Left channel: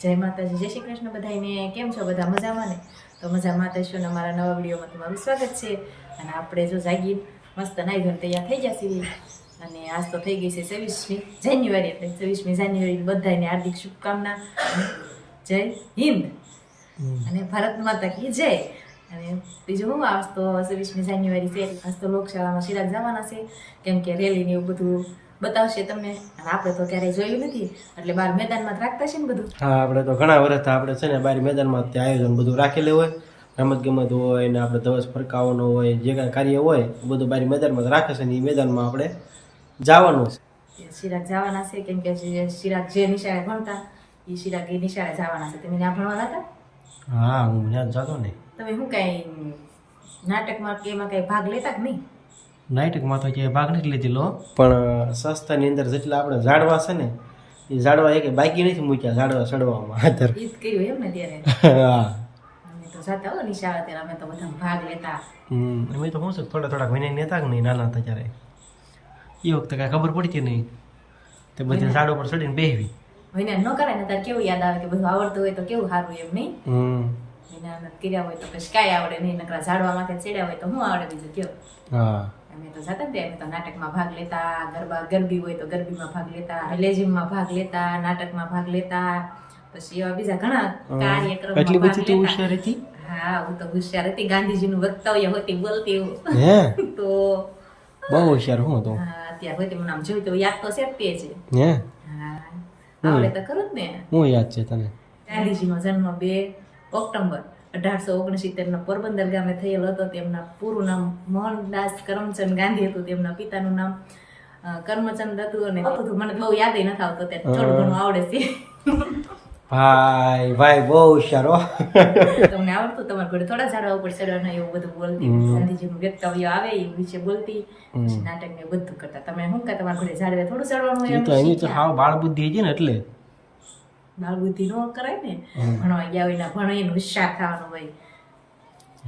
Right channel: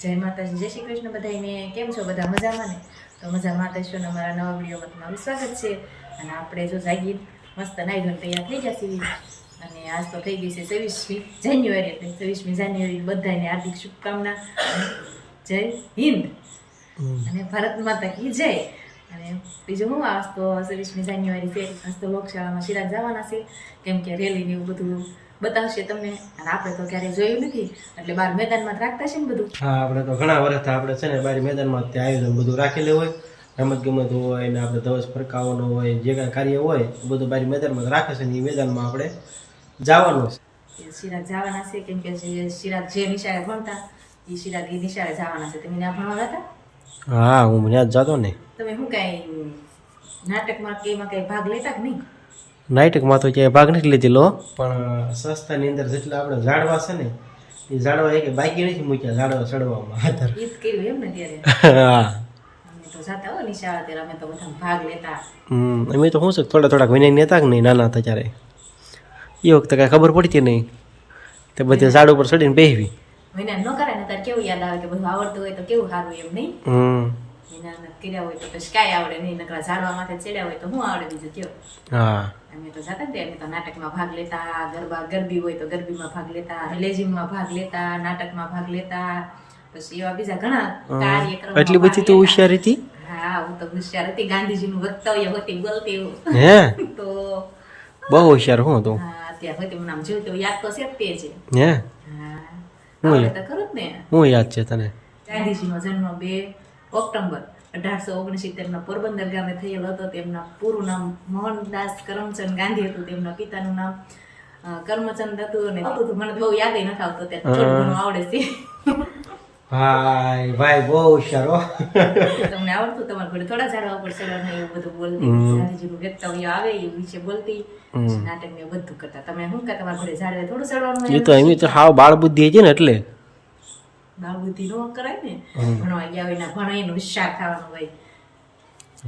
જય માતાજી, જય શ્રી કૃષ્ણ બધાને. કેમ છો બધા? મજામાં ને? તો મજામાં થઈશું ને અમારા નવા વિડીયોમાં તમારું સ્વાગત છે. અને આપણે જો જાગી મસ્ત નાઈ ધોઈને તૈયાર થઈ ગયા છીએ. અને આજ તો થઈ ગઈ છે 26મી જાન્યુઆરી, એટલે 26મી જાન્યુઆરી બધાને હાર્દિક શુભકામના. જય હિન્દ અને ભારત માતા કી જય. અને બીજું હું, આજ તો 26મી જાન્યુઆરી છે, આજ તો લોકશાળામાં ચિરાગ જવાના છે, કેમ કે રેલી ને એવું બધું બતાવશે તમને. અને આપણે તો ક્યારેય જોયું નથી, એટલે બહાર મેદાનમાં જ રાખતા છે ને બધું. હા, આપણે તો ઘણા વર્ષથી આપણે છે ને બહાર મેદાનમાં તે આયોજન બધું રાખેલું હોય, રમત ગમત હોય ને આપણે ધવસ ફરકાવવાનો હોય, જે કાંઈ કાર્ય હોય બધું બહાર મેદાનમાં જ રાખે છે ને એ મેદાનમાં આપણે જવાનું છે. ચિરાગ જવાના છે, કેમ કે ચિરાગ જે નિશાળે ભણતા એ ચિરાગ એ નિશાળે જવાના છે. તમે ત્યાં ભણવા જતા? હા, હું ત્યાં જ જતો ને. તમે શું કાંઈ નાટકમાં કે એમાં કાંઈ ભાગ લેતા કે નહીં? નાટકમાં તો ક્યાંય ભાગ નથી લીધેલો, પણ સંસ્થાની અંદર જેટલા આપણે ઝાડવા છે ને એ ઝાડવા એક બાકી નથી મૂક્યા ઝાડવા ચડવામાં. ઈદ કર્યું એમ ને ત્યારે? હા, અમે તો જતા હો નિશાળે ત્યારે, અમે તો બધા ભાગ લેતા. અમે તો શું છે થોડાક વિનય નેતા કે નહીં નાના હતા ત્યારે, એ વખતે કાંઈ ખબર પડતી નહીં, તે બધે ઝાડ ઉપર ચડીને બેસવી. વિના ન કરાય ને ત્યારે કેવું યાદ આવે કે બધું આવડતું હોય તો કેવું સારું એમ નહીં? વિના કર્યા હોય તો પછી કાંઈ આવડે નહીં, નકરા ઝાડવા માથે ચડ્યા હોય તો શું આવડે બીજું કેવું? હા, અમે તો જતા ને અમે તો નાટકમાં ભાગ લેતા, ગરબી હોય તો ગરબીમાં ભાગ લેતા, લેઝિમમાં ભાગ લેતા, નાટકમાં ભાગ લેતા, પછી એવા બીજા ઘણા કાર્યક્રમો. એટલી બધી તો હોશિયાર હતી? હા, હું તો હોશિયાર હતી, ગાંધીજીનું વક્તવ્ય હોતી બોલતી હું. હે? તો બહુ હોશિયાર હું તો. હા, અત્યારે હોતી મને આમ જોયું તો યાદ તો છે જ તે છે. હે? હા, આવડે તો ખરું જ ને. હું યાદ છે તને? ગાંધીજીનો જન્મ 2 ઓક્ટોબર 1869 પોરબંદર ગામે થયેલો હતો. તેમના પૂરું નામ મોહનદાસ કરમચંદ ગાંધી હતું. તેમના પિતાનું નામ કરમચંદ હતું. અને બધું મને બહુ યાદ નથી આવતું, ત્યારે થોડું ઘણું આવડે છે. ભાઈ બહુ હોશિયાર હો. તમને આવડતું? તમારા ઘરે થોડા ઝાડવા ઉપર ચડવાના એવું બધું બોલતી, ગાંધીજીનું વક્તવ્ય આવે એ વિશે બોલતી, નાટક ને એવું બધું કરતા. તમે શું કે તમારા ઘરે ઝાડવે થોડું ચડવાનું હોય? એમ તો હાવ બાળ બુદ્ધિ છે ને, એટલે બાળ બુદ્ધિ ન કરાય ને. ભણવા ગયા હોય ને ભણે એનું હોશિયાર થવાનું હોય.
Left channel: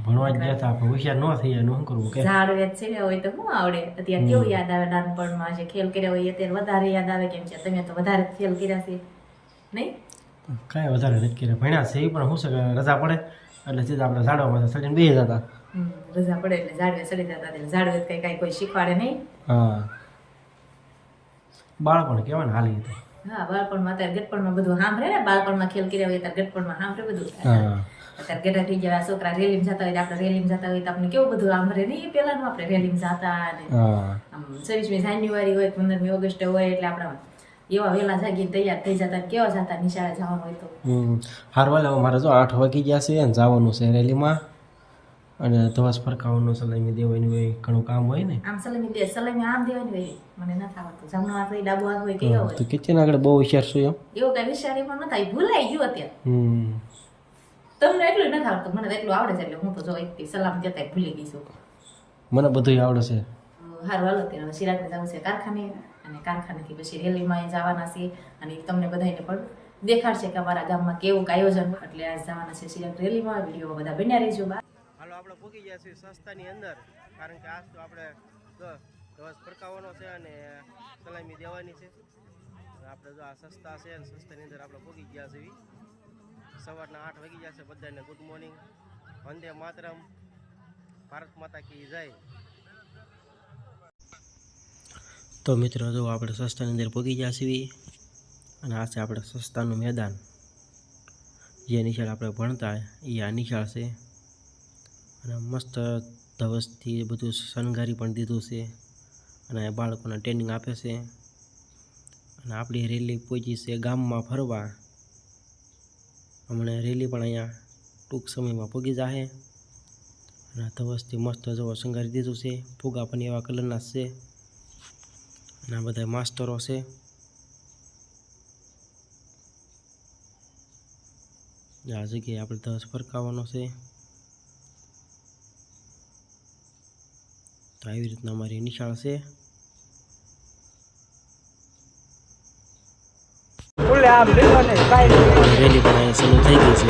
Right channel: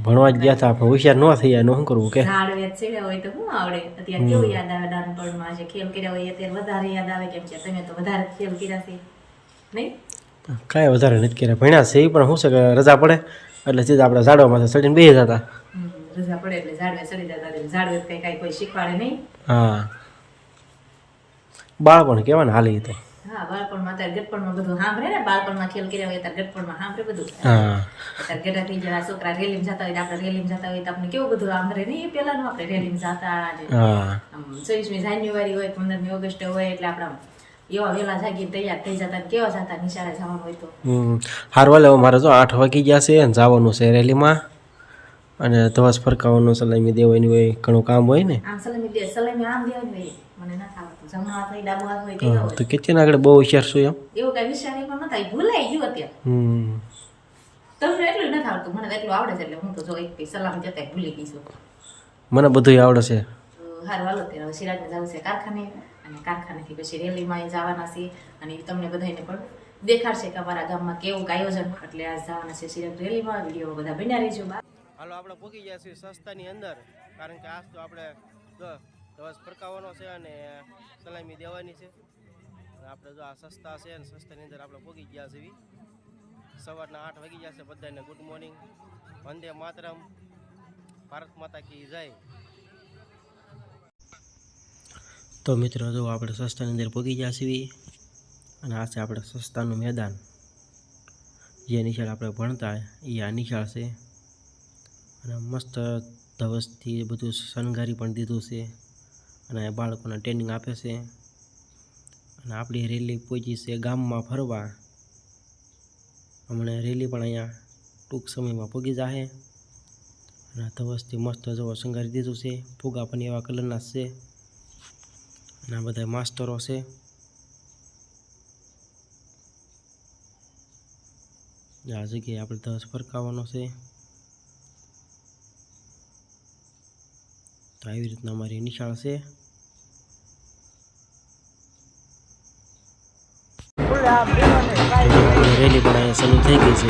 ભણવા જ ગયા હતા પણ હોશિયાર ન થઈ જાય, શું કરવું કે? ઝાડવે ચડ્યા હોય તો શું આવડે? અત્યારે કેવું યાદ આવે નાનપણમાં, જે ખેલ કર્યા હોય અત્યારે વધારે યાદ આવે, કેમ છે તમે તો વધારે ખેલ કર્યા છે નહીં? કાંઈ વધારે નથી કર્યા, ભણ્યા છે એ પણ શું છે કે રજા પડે એટલે સીધા આપણે ઝાડવામાં ચડીને બેસી જતા. રજા પડે એટલે ઝાડવે ચડી જતા. ઝાડવે કઈ કોઈ શીખવાડે નહીં. હા, બાળપણ કહેવાય ને હાલી તો. હા, બાળપણમાં અત્યારે ગટપણમાં બધું સાંભળે ને, બાળપણમાં ખેલ કર્યા હોય અત્યારે ગટપણમાં સાંભળે બધું. હા, અત્યારે ગઢા થઈ ગયા છોકરા રેલીમાં જતા હોય, આપણે રેલીમાં જતા હોય તો આપણે કેવું બધું સાંભળે નહીં? એ પેલાનું આપણે રેલીમાં જતા, આમ 26મી જાન્યુઆરી હોય, 15મી ઓગસ્ટ હોય, એટલે આપણે એવા વહેલા જાગીને તૈયાર થઈ જતા. કેવા જતા નિશાળે જવાનું હોય તો. હારવાલે મારે તો 8 વાગી ગયા છે, જવાનું છે રેલીમાં, અને ધવસ ફરકાવવાનું, સલામી દેવાની હોય, ઘણું કામ હોય ને. આમ સલામી આમ દેવાની હોય, મને નથી આવડતું. જમણો હાથ હોય, ડાબો હાથ હોય, કેવો હોય? તો કિચન આગળ બહુ હોશિયાર છું એમ. એવું કઈ વિચારી પણ નથી, ભૂલાઈ ગયું અત્યારે. તમને એટલું નથી આવડતું, મને તો એટલું આવડે છે, એટલે હું તો જો એક સલામ જતા ભૂલી ગઈ છું. મને બધું આવડે છે. હારું, હાલો ત્યારે ચિરાગને જવું છે કારખાને, અને કારખાનેથી પછી રેલીમાં જવાના છે, અને તમને બધાને પણ દેખાડશે કે અમારા ગામમાં કેવું આયોજન હોય. એટલે આજ જવાના છે ચિરાગ રેલીમાં. વિડીયોમાં બધા બન્યા રહેજો. હાલો, આપણે પહોંચી ગયા છીએ સંસ્થાની અંદર, કારણ કે આજ તો આપણે ધવસ ફરકાવવાનો છે અને સલામી દેવાની છે. આપણે જો આ સંસ્થા છે અને સંસ્થાની અંદર આપણે પહોંચી ગયા છીએ. સવારના 8 વાગી ગયા છે. બધાને ગુડ મોર્નિંગ, વંદે માતરમ, ભારત માતા કી જય. તો મિત્રો, જો આપણે સંસ્થાની અંદર પહોંચી ગયા છીએ, અને આ છે આપણે સંસ્થાનું મેદાન. જે નિશાળ આપણે ભણતા એ આ નિશાળ છે, અને મસ્ત ધવસથી બધું શણગારી પણ દીધું છે, અને બાળકોને ટ્રેનિંગ આપે છે. અને આપણી રેલી પહોંચી છે ગામમાં ફરવા. હમણાં રેલી પણ અહીંયા ટૂંક સમયમાં પહોંચી જશે. અને ધવસથી મસ્ત જો શણગારી દીધું છે, ફુગા પણ એવા કલરના છે, અને આ બધા માસ્ટરો છે. આ જગ્યાએ આપણે ધવસ ફરકાવવાનો છે. તો આવી રીતના અમારી નિશાળ છે. રેલી પણ અહીંયા શરૂ થઈ ગઈ છે.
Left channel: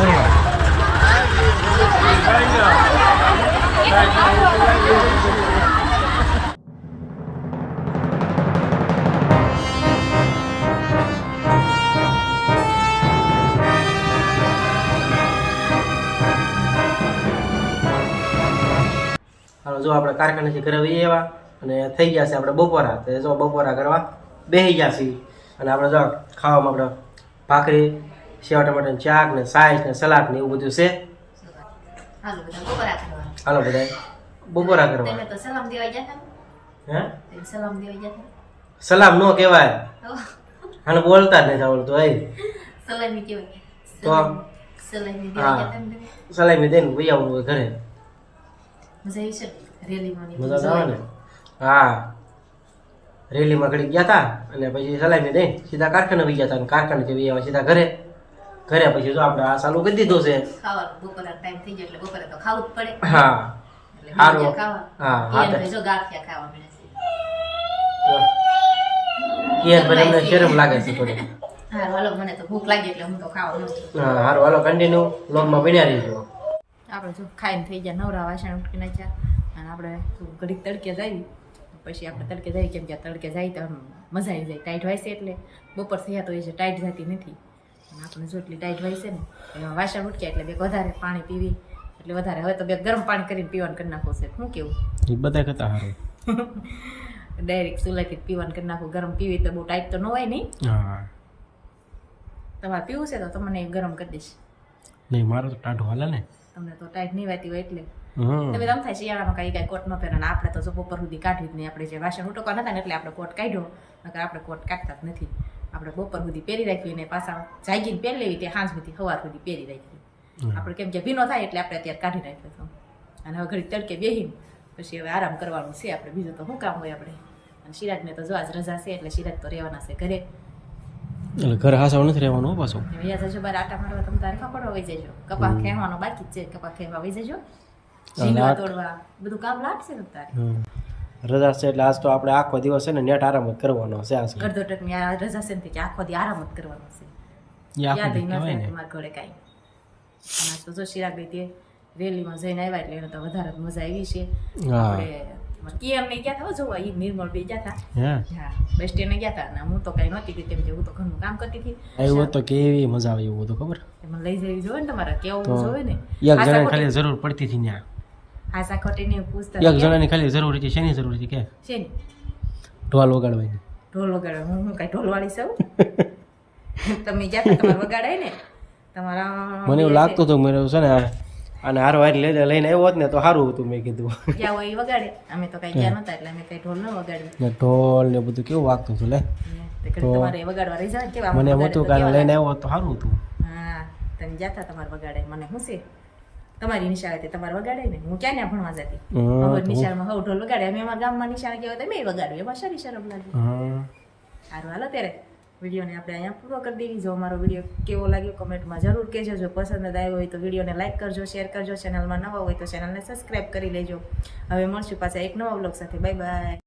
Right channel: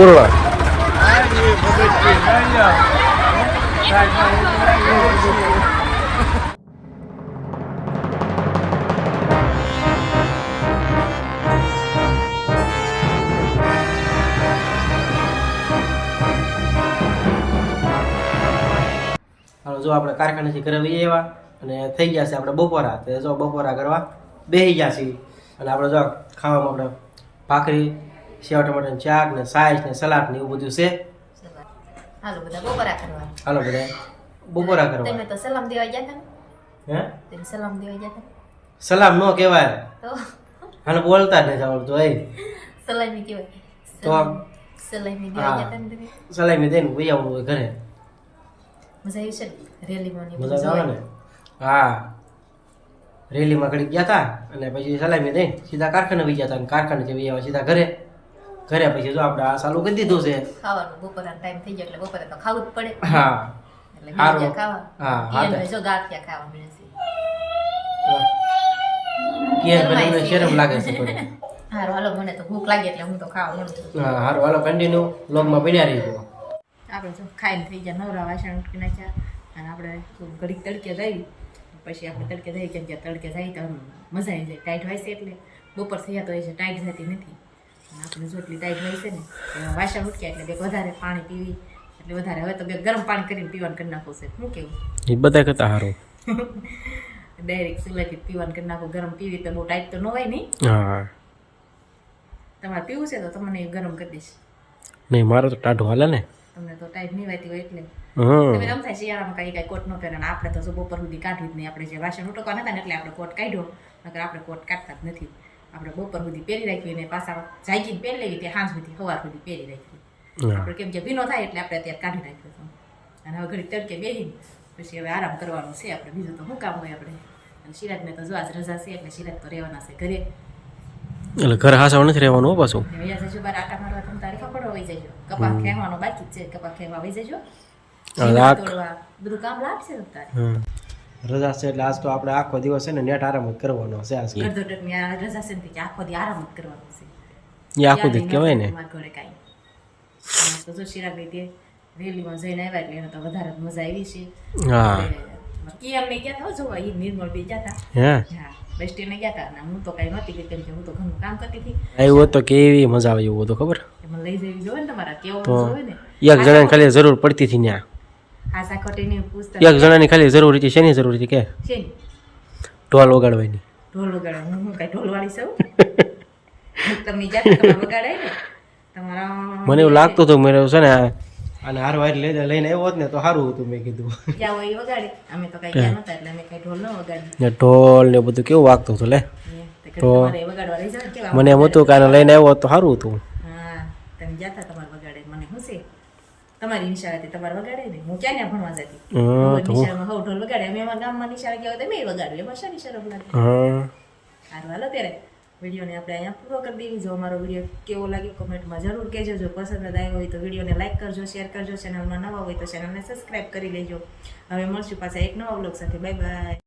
પૂર્વા હાલો જો આપણે કારખાનેથી ઘરે વહી આવ્યા અને થઈ ગયા છે આપણે બપોરા તો જો બપોરા કરવા બેસી ગયા છીએ અને આપણે જો ખાવામાં આપણે ભાખરી સેવ ટમાટરનું શાક ને સાઈસ ને સલાડ ને એવું બધું છે હાલો બધા બપોરા કરવા. હાલો બધા બપોરા કરવા તમે તો સલામ દેવા ગયા હતા ને? હે તમે સલામ દેવા ગયા હતા સલામ નો કહેવાય તો હાલે બોલતા જ નહીં આવડતું એ સલામી કહેવાય. તો સલામી દેવા ગયા હતા ને તમે? સલામી દઈને વહી આવવાનું હોય ઘરે મજા આવી છે ને? રેલીમાં ને મજા જ આવે ને હા રેલીમાં ઘડી ગયા હતા અને પછી સલામી દઈને સીધા કારખાને વહી ગયા હતા અને કારખાનેથી વહી આવ્યા સીધા ઘરે ઘરે પછી જો આપણે આ ચાલુ કરી દીધું છે ખાવાનું બપોરા ટાઈમ થઈ જાય એટલે બપોરે તો ખાવું જ પડે. હા એટલે હારું. બીજા ખાવા. હા, હા. ઈયન જો ગાંઠિયા ખાવા મળે છે. કે ભાઈ તમને શરમ લાગે છે થોડી હારું હાલો મને તો ભૂખ લાગી એટલે હું તો ખાવા મળું છું. હા સારું હાલો કન્ટિન્યુ લોગમાં બન્યા રહીજો આપણે જો ખાઈને થઈ ગયા નવરા વાસણ ઉટકી નાખ્યા અને આપણે શું ઘડીક તડકે જઈ પછી આપણે તડકે જઈએ કેમ કે તડકે જાય તો આમ મજા આવી જાય ટાઈટ હોય છે એટલે બપોર થયા તો એ છે ટાઈટ જતી નથી અને આપણે જો એટલી ટાઈટ હોય છે ને એમાં વાસણ ઉટક્યા એટલે બે વધારે પાણી પીવી એટલે વધારે હવે તો બે ગરમ પાણી કરીને પીવાનું કરી નાખવું છે શું કેવું એ બધા કરતા સારું ડાયરેક્ટ ચૂલાથી પીવાનું કરી નાખવું ગરમ પીવી તો બહુ ટાઈટ તો ન હોય નહીં હા તમારે પીવું છે તો તમને ગરમ કરી દઈશ નહીં મારે તો ટાઢું હાલે ને તમને તો ટાઈટ નહીં વાતી હોય એટલે હમ તમે આમ થાય શિયાળામાં કઈ કોટ ન પહેરે અને આપણે તો જો બપોર સુધી કાઢી જ નહીં આપણે જે વાસણ ઉટકવા નતા ને એટલે આપણે કોટ કાઢ્યો નકર આપણે કોટ કાઢતા જ નથી આપણે બપોર સુધી પહેરી રાખવી ને પાછા જાગીને પહેરી લેવી તે સાંજ સુધી સવાર સુધી પહેરી રાખવી આપણે કેમ કે ભીનો થાય એટલે આપણે અત્યારે કાઢી નાખ્યો હતો અને હવે ઘડી તડકે બેહીને પછી હવે આરામ કરવાનું છે આપણે બીજું તો શું કામ હોય આપણે અને શિરાગને તો જો આજ રજા છે એટલે શિરાગ તો રહેવાના છે ઘરે એટલે ઘર હાસાવ નથી રહેવાનું હો પાછું વ્યાજ જજો બાર આટા મારવા તમે તારી ફકડવા વહી જજો કપા ખેવાનો બાકી જ છે કપા ખેવા વહી જજો તોડવા બધું કામ લાગશે ને તારે રજા છે એટલે આજ તો આપણે આખો દિવસ છે ને નેટ આરામ જ કરવાનો છે આજ ગરદોટકની આ રજા છે ને કે આખો દી આરામ જ કરવાનો છે એ આખો દી કહેવાય ને તમારા ઘરે કાંઈ અને તો જો શિરાગ ગઈ તે રેલીમાં જઈને આવ્યા એટલે એને તો વધારે જ મજા આવી છે હા કેમ નહીં ગયા હતા જોવા એ નિર્મળ બી ગયા હતા હે હા બસ સ્ટેન્ડે ગયા હતા અને હું તો કાંઈ નહોતી ગઈ કેમ કે હું તો ઘરનું કામ કરતી હતી આવ્યો તો કેવી મજા આવે એવું તો ખબર એમાં લઈ જવી જોઈએ ને તમારા કેવું તો જોવે ને એક જણાની ખાલી જરૂર પડતી હતી ત્યાં હા સાખોટીને પૂછતા એક જણાની ખાલી જરૂર હતી શેની જરૂર હતી કે છે ને ઢોલ વગાડવાની ઢોલ વગાડે હું કઈ ઢોલ વાળી છું તમે જ્યાં તમારે વગાડાય ને તમારા મને એવું લાગતું હતું મેં છે ને અને હારો હારી લઈને આવ્યો હોત ને તો સારું હતું મેં કીધું ક્યાં હોય એ વગાડે અમે તો કઈ ગયા નતા એટલે અમે કઈ ઢોલ ન વગાડ્યું ને ઢોલ ને બધું કેવું વાગતું હતું લે તમારે વગાડવા રહી જાવ કેવા મને એમ હતું કે આને લઈને આવ્યો હોત તો સારું હતું હા તમે જાતા તમારે વગાડે મને શું છે તમારી નિશાળેથી તમારે વગાડે ને હું ક્યાં ત્યાં ભણવા જતી નિશાળમાં હવ ઢોલ વગાડે અમે અમારા ગામમાં નિશાળે ગયા હોય તો મેં વગાડ્યું એમાં સારી શરમ લાગે સારું હાલો ત્યારે વિડીયોને આપણે અહીંયા પૂરો કરી દેવી જો અમારો વિડીયો કેવો લાગ્યો કમેન્ટમાં જરૂર કહેજો જો પસંદ આવ્યો હોય તો વિડીયોને લાઇક કરજો શેર કરજો ચેનલમાં નવા હોય તો ચેનલને સબસ્ક્રાઈબ કરી લેજો હવે મળશું પાછા એક નવા વ્લોગ સાથે બાય બાય